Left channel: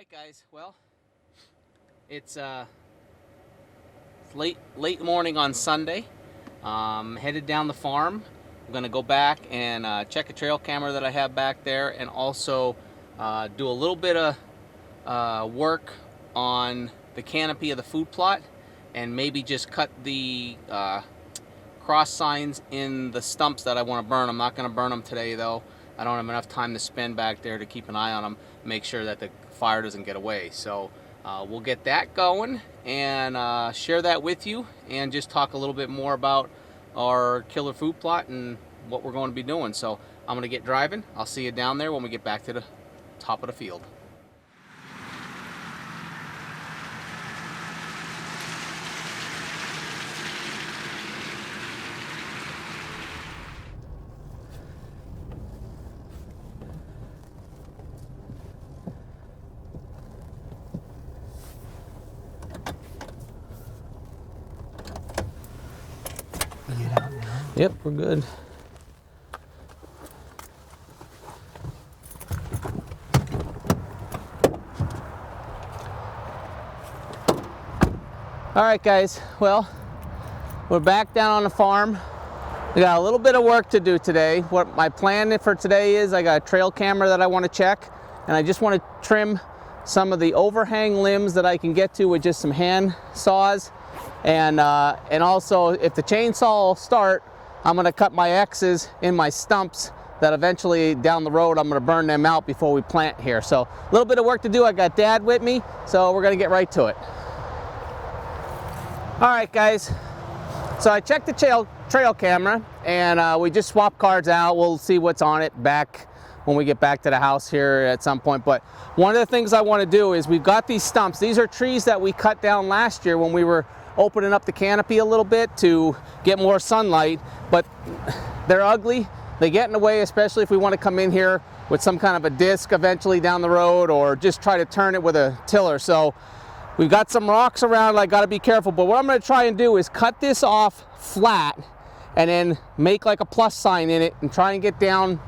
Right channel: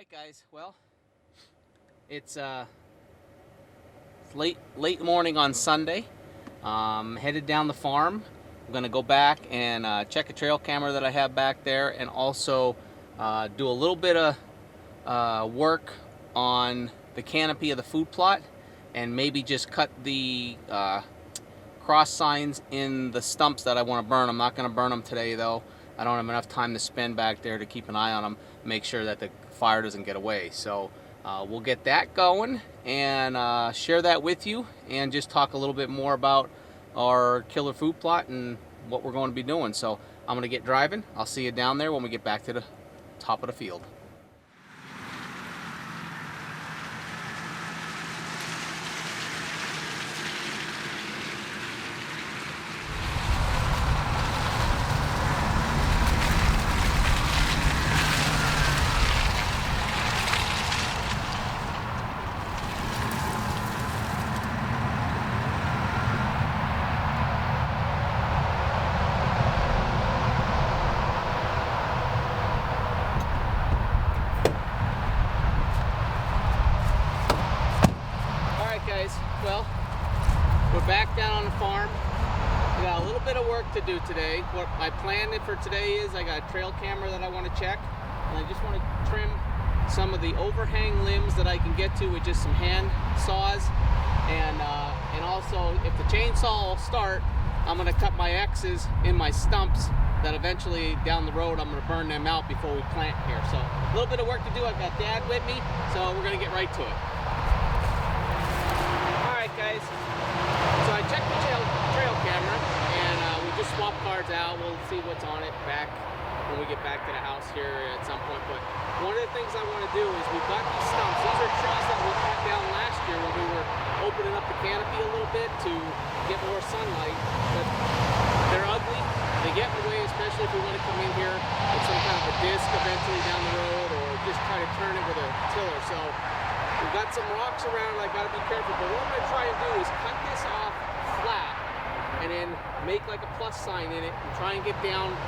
right, guys. Well, it's late morning on Sunday. Headed down the farm. I'm gonna go back and check a trail camera that I have back there, and also do a little bit of work on the canopy of the food plot, and maybe just cut the cross signs in the stumps that I want to burn. I'm not going to burn them today, though. I don't have enough time to spend back there to keep an eye on them, make sure that the fire doesn't get away. So we'll get that going and share that with you, and just talk a little bit more about our killer food plot and what we're going to be doing. So I'm going to get driving. I'll see you down there when we get back to the top of the field. Yep, we're good. All right, guys. Well, we're back down on the farm. We got a little bit of work to do today. What my plan for today is, I got a trail camera that I want to check, and I just want to trim some of the overhang limbs that I can get to with just some hand saws, and also if the chainsaw will start, I'm going to cut my X's in my stumps that eventually down the road I'm going to burn them out before we plant here. So a little bit of work to do. I got Dad with me, so we're going to get right to it. All right, guys. So I checked the trail camera, and we just swapped cards out. We'll see what's on it back when we get back to the house here at some point. But one of the things I want to do is, we've got these stumps. These are trees that we cut down last year when we were opening up the canopy a little bit to get more sunlight. But they're ugly. They get in the way, especially if we want to come in here with some kind of a disc eventually down the road, or just try to turn it with a tiller. So we've got some rocks around. I got to be careful. But what I'm going to try and do is cut this off flat, and then make like a plus sign in it, and try and get down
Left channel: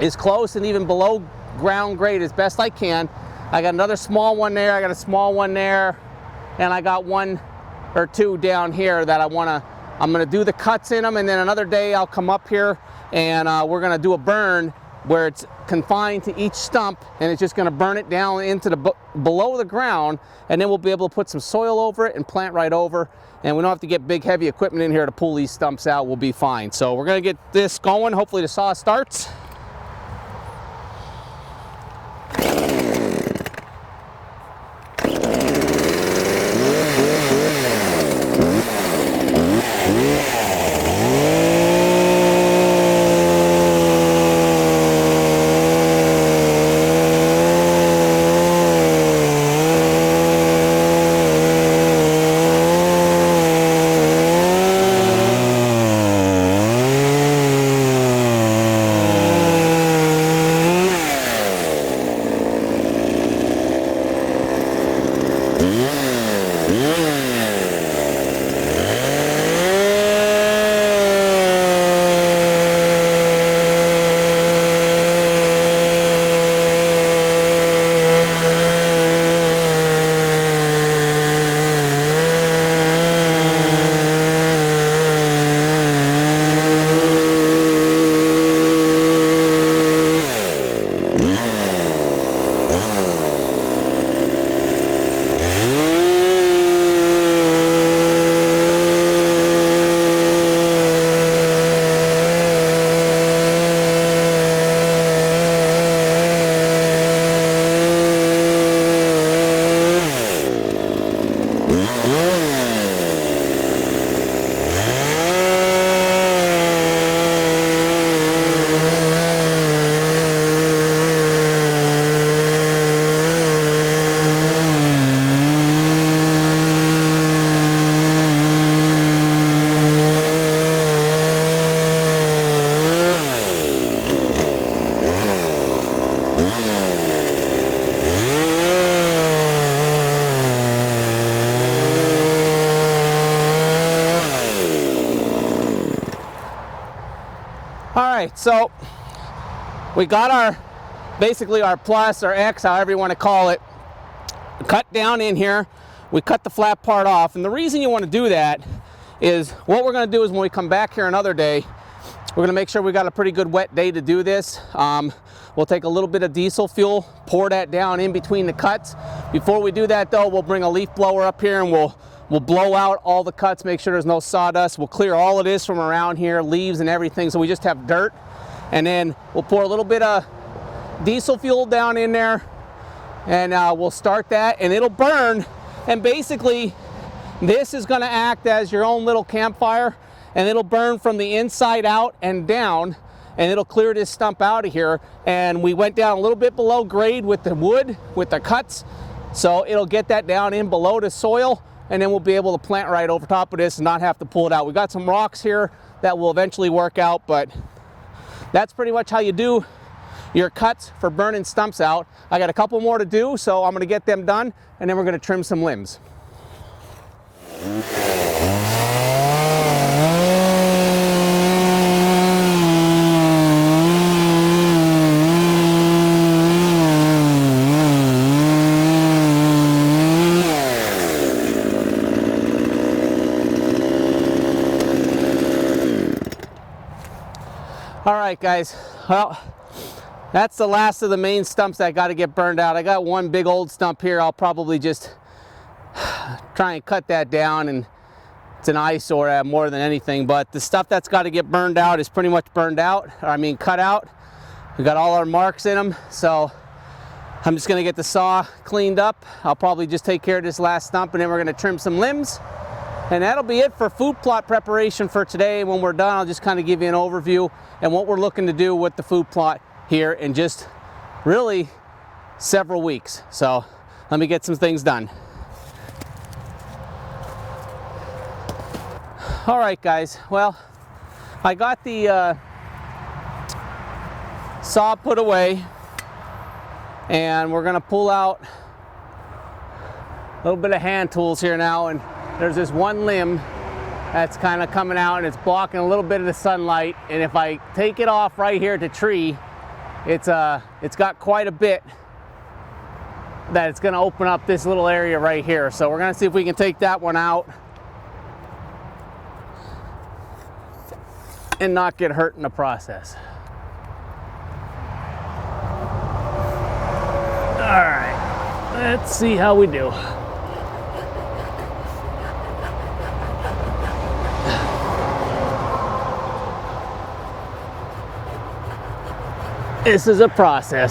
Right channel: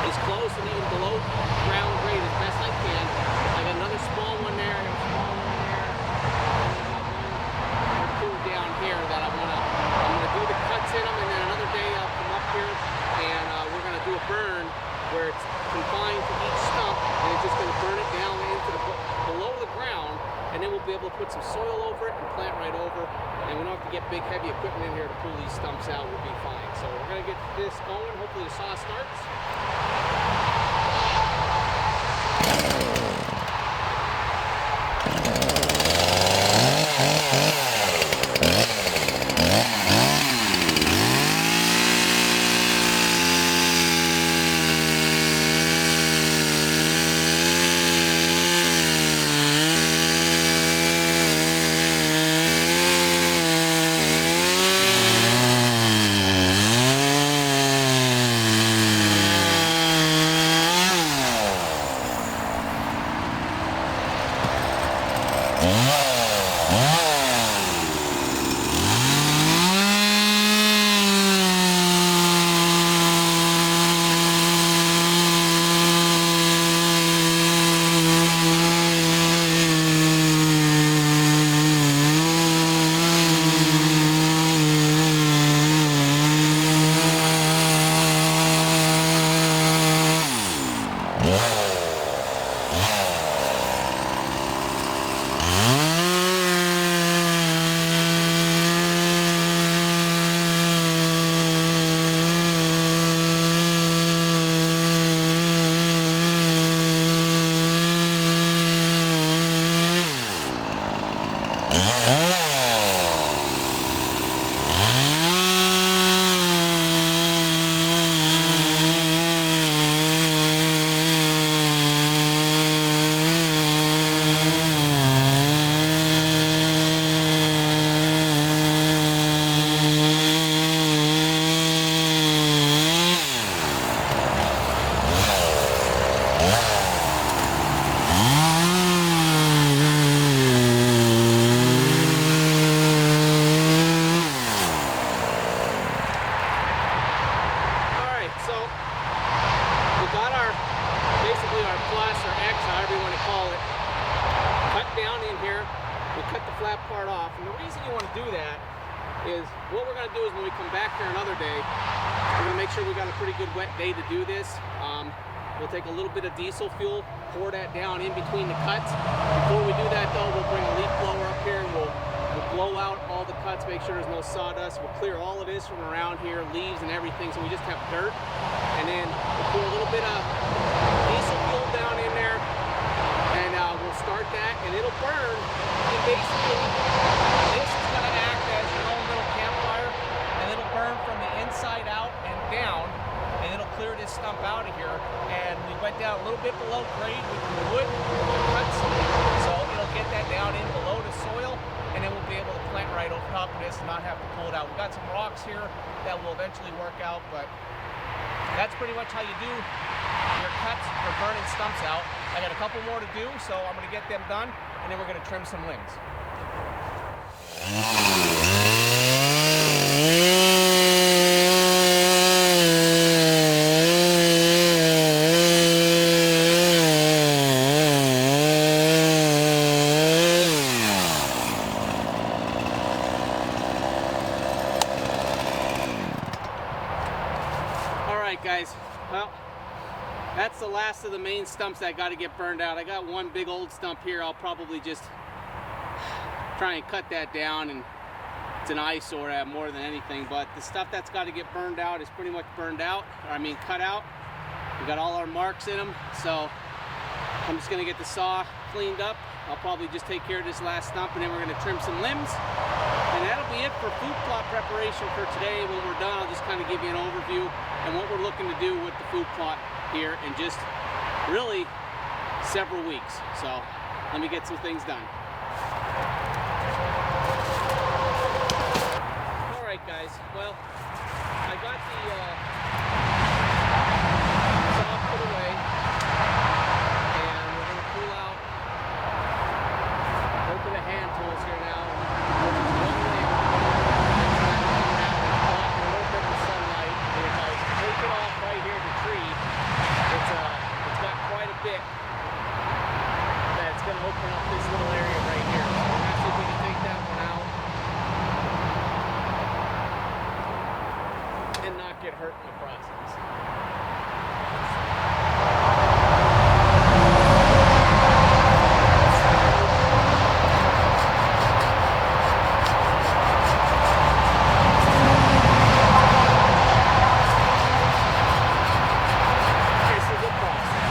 as close and even below ground grade as best I can. I got another small one there. I got a small one there, and I got one or two down here that I'm going to do the cuts in them, and then another day I'll come up here and we're going to do a burn where it's confined to each stump, and it's just going to burn it down into the below the ground, and then we'll be able to put some soil over it and plant right over, and we don't have to get big heavy equipment in here to pull these stumps out. We'll be fine. So we're going to get this going. Hopefully the saw starts. All right, so we got our, basically our plus or X, however you want to call it, cut down in here. We cut the flat part off, and the reason you want to do that is what we're going to do is when we come back here another day, we're going to make sure we got a pretty good wet day to do this. We'll take a little bit of diesel fuel, pour that down in between the cuts. Before we do that though, we'll bring a leaf blower up here and we'll blow out all the cuts, make sure there's no sawdust. We'll clear all of this from around here, leaves and everything, so we just have dirt. And then we'll pour a little bit of diesel fuel down in there, and we'll start that, and it'll burn. And basically, this is going to act as your own little campfire, and it'll burn from the inside out and down, and it'll clear this stump out of here. And we went down a little bit below grade with the wood, with the cuts, so it'll get that down in below the soil, and then we'll be able to plant right over top of this and not have to pull it out. We've got some rocks here that will eventually work out, but that's pretty much how you do your cuts for burning stumps out. I got a couple more to do, so I'm going to get them done, and then we're going to trim some limbs. All right, guys, well, that's the last of the main stumps that got to get burned out. I got one big old stump here. I'll probably just try and cut that down, and it's an eyesore more than anything. But the stuff that's got to get burned out is pretty much burned out, or I mean cut out. We got all our marks in them, so I'm just going to get the saw cleaned up. I'll probably just take care of this last stump, and then we're going to trim some limbs. And that'll be it for food plot preparation for today. When we're done, I'll just kind of give you an overview and what we're looking to do with the food plot here in just really several weeks. So let me get some things done. All right, guys, well, I got the saw put away, and we're gonna pull out a little bit of hand tools here now, and there's this one limb that's kind of coming out, and it's blocking a little bit of the sunlight. And if I take it off right here at the tree, it's got quite a bit that it's going to open up this little area right here. So we're going to see if we can take that one out and not get hurt in the process. All right, let's see how we do. This is a process.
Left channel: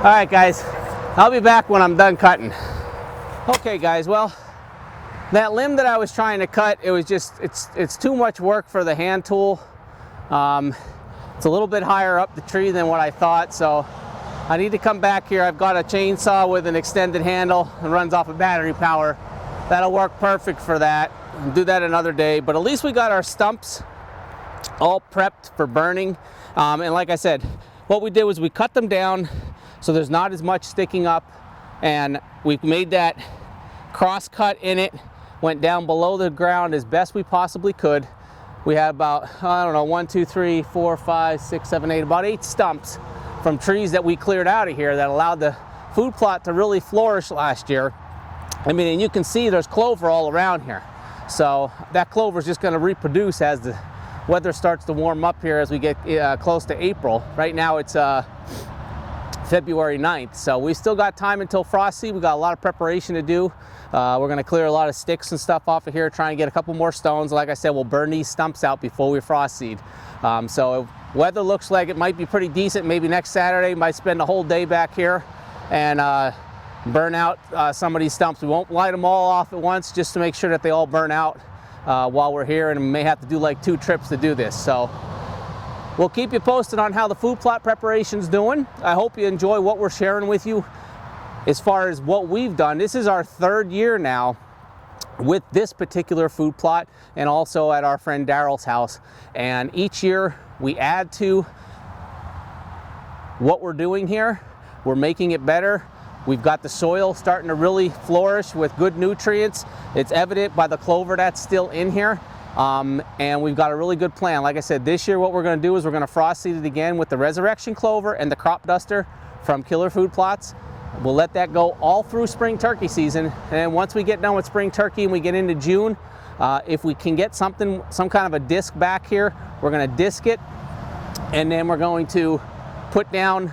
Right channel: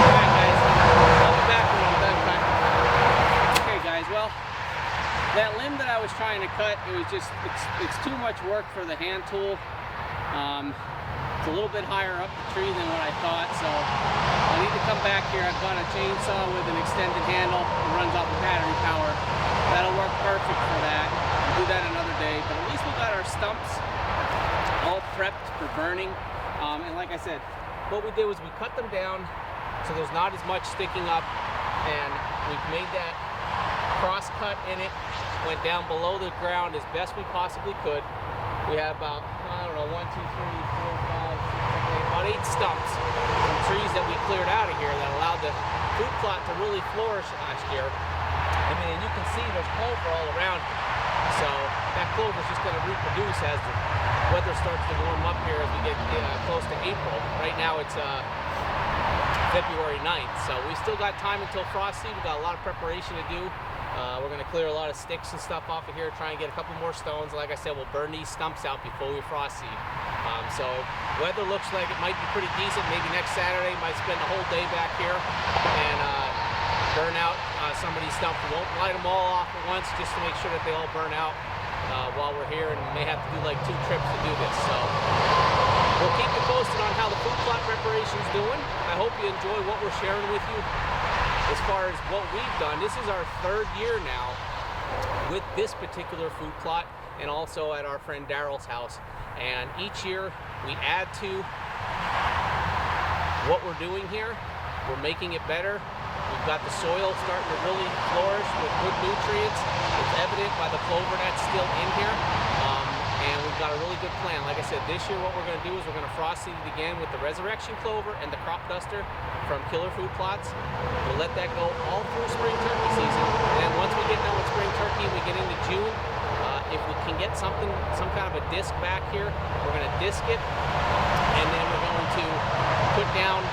All right, guys, I'll be back when I'm done cutting. Okay, guys, well, that limb that I was trying to cut, it was just, it's too much work for the hand tool. It's a little bit higher up the tree than what I thought, so I need to come back here. I've got a chainsaw with an extended handle. It runs off of battery power. That'll work perfect for that. We'll do that another day, but at least we got our stumps all prepped for burning. And like I said, what we did was we cut them down so there's not as much sticking up, and we made that cross cut in it, went down below the ground as best we possibly could. We had about, I don't know, 1, 2, 3, 4, 5, 6, 7, 8, about 8 stumps from trees that we cleared out of here that allowed the food plot to really flourish last year. I mean, and you can see there's clover all around here. So that clover is just going to reproduce as the weather starts to warm up here as we get close to April. Right now it's February 9th, so we still got time until frost seed. We got a lot of preparation to do. We're going to clear a lot of sticks and stuff off of here, try and get a couple more stones. Like I said, we'll burn these stumps out before we frost seed. So weather looks like it might be pretty decent. Maybe next Saturday, might spend the whole day back here and burn out some of these stumps. We won't light them all off at once, just to make sure that they all burn out while we're here, and we may have to do like 2 trips to do this. So we'll keep you posted on how the food plot preparation's doing. I hope you enjoy what we're sharing with you as far as what we've done. This is our 3rd year now with this particular food plot, and also at our friend Daryl's house. And each year we add to what we're doing here. We're making it better. We've got the soil starting to really flourish with good nutrients. It's evident by the clover that's still in here. And we've got a really good plan. Like I said, this year what we're going to do is we're going to frost seed it again with the Resurrection Clover and the Crop Duster from Killer Food Plots. We'll let that go all through spring turkey season, and then once we get done with spring turkey and we get into June, if we can get some kind of a disc back here, we're going to disc it, and then we're going to put down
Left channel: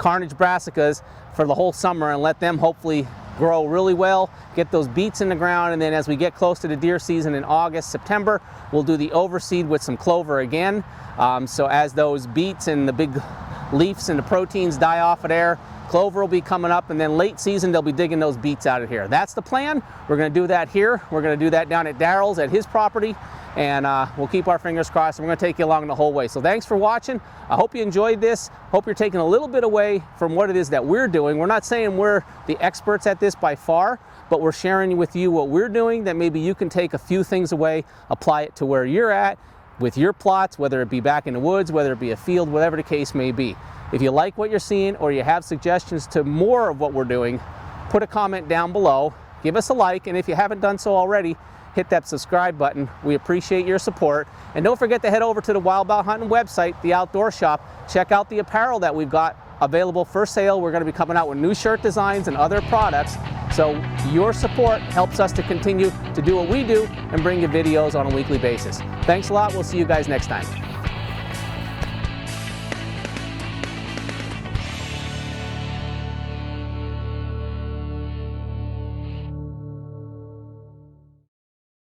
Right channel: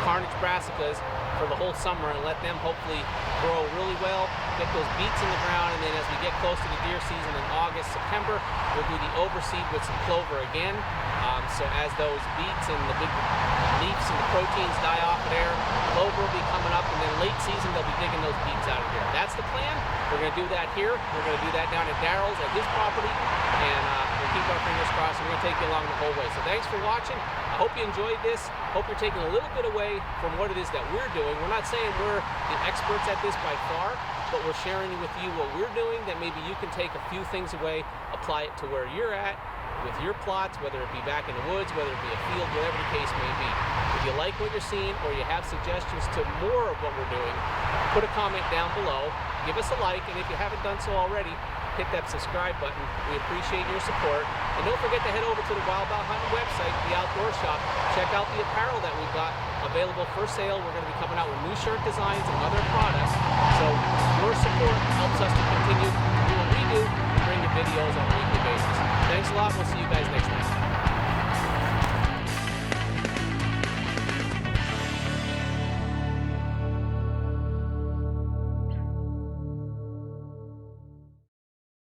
Carnage brassicas for the whole summer and let them hopefully grow really well, get those beets in the ground, and then as we get close to the deer season in August, September, we'll do the overseed with some clover again. So as those beets and the big leaves and the proteins die off of there, clover will be coming up, and then late season they'll be digging those beets out of here. That's the plan. We're going to do that here. We're going to do that down at Daryl's at his property, and we'll keep our fingers crossed. We're going to take you along the whole way. So thanks for watching. I hope you enjoyed this. Hope you're taking a little bit away from what it is that we're doing. We're not saying we're the experts at this by far, but we're sharing with you what we're doing that maybe you can take a few things away, apply it to where you're at with your plots, whether it be back in the woods, whether it be a field, whatever the case may be. If you like what you're seeing or you have suggestions to more of what we're doing, put a comment down below, give us a like, and if you haven't done so already, hit that subscribe button. We appreciate your support. And don't forget to head over to the Wild Bout Huntin website, the Outdoor Shop. Check out the apparel that we've got available for sale. We're going to be coming out with new shirt designs and other products. So your support helps us to continue to do what we do and bring you videos on a weekly basis. Thanks a lot. We'll see you guys next time.